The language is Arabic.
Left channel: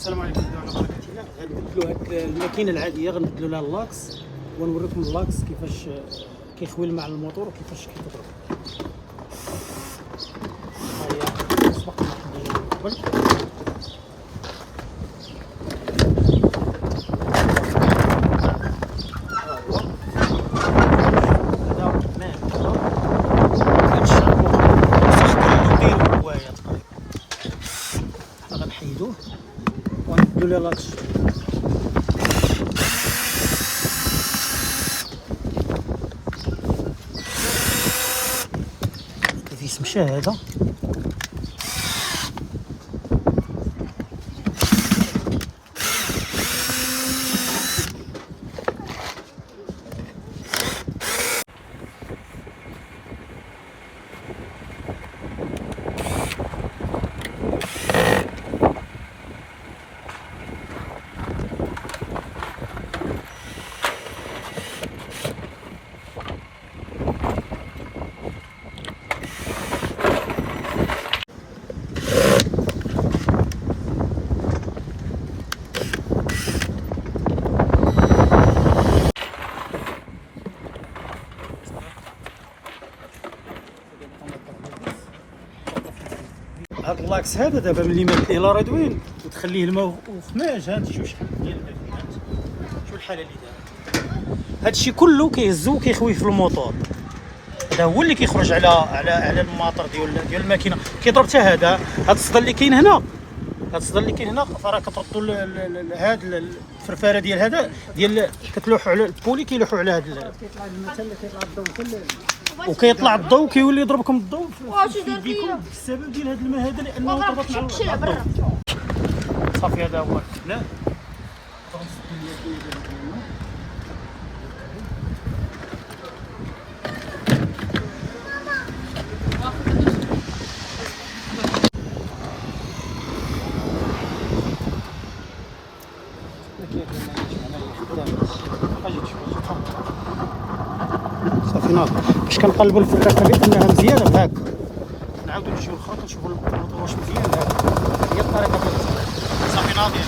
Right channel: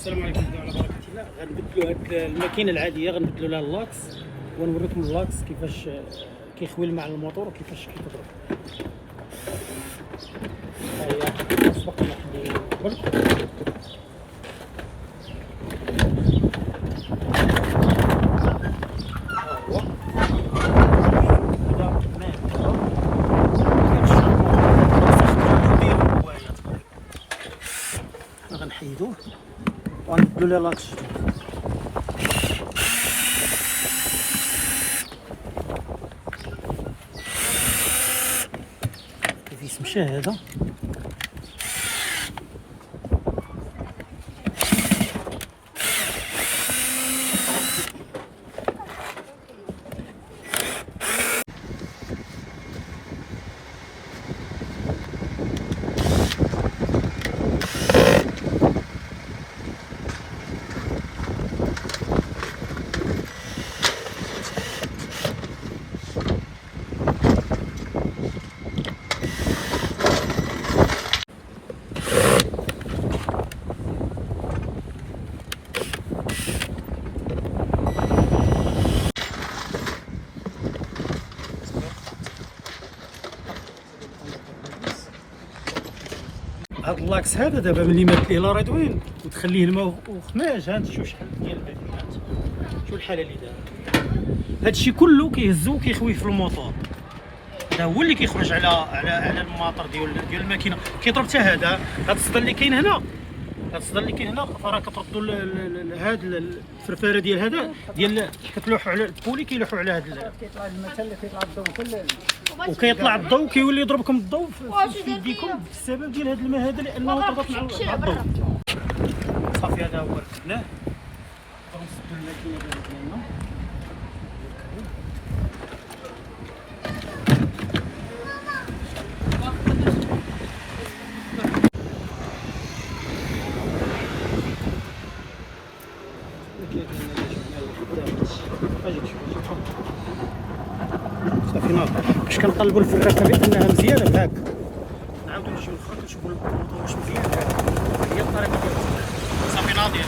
السلام عليكم ورحمه الله وبركاته. غنبدلوا هاد الماكينه العاديه، غنبدلوا لها اللاكس ونوريكم اللاكس كيفاش كيخوي مع الموتور وكيفاش كيتضرب. ها هي سبق ما حدينا من قبل. ها هو هذا حنا غنحيدوه ونبدلوا ليه لاكس جديد. الفيس مشى هذا. هاد اللاكس هذا دابا ملي مات ليه لا ريدوين وتخليه الماء وخماج، ها انت شوف شحال ديال هادي، شوف الحاله اللي دار. هادشي كله كيهزو وكيخوي في الموتور. هذا هو اللي كيخرج على الماطر ديال الماكينه، كيضرب حتى هذا. هاد الصدى اللي كاين هنا، فراه كتردوا هاد الفرفاره ديال هذا ديال كتلوحوا على البولي، كيلوحوا على هاد كيطلع الماء حتى كيطلع الضوء كله، وكيطلع الضوء كيولي يضربكم الضوء في يديكم بسبب ديال هذا الماء هذا، لانه تربط مع الضوء. صافي هذا هو ركبناه. صافي ناضي. باش كنقلبوا الفركه كنلقاوها مزيانه بهاك، نعاودو نمشيو للخرا كنشوفوا الموتور واش مزيان. هي الطريقه ديالها. صافي ناضي.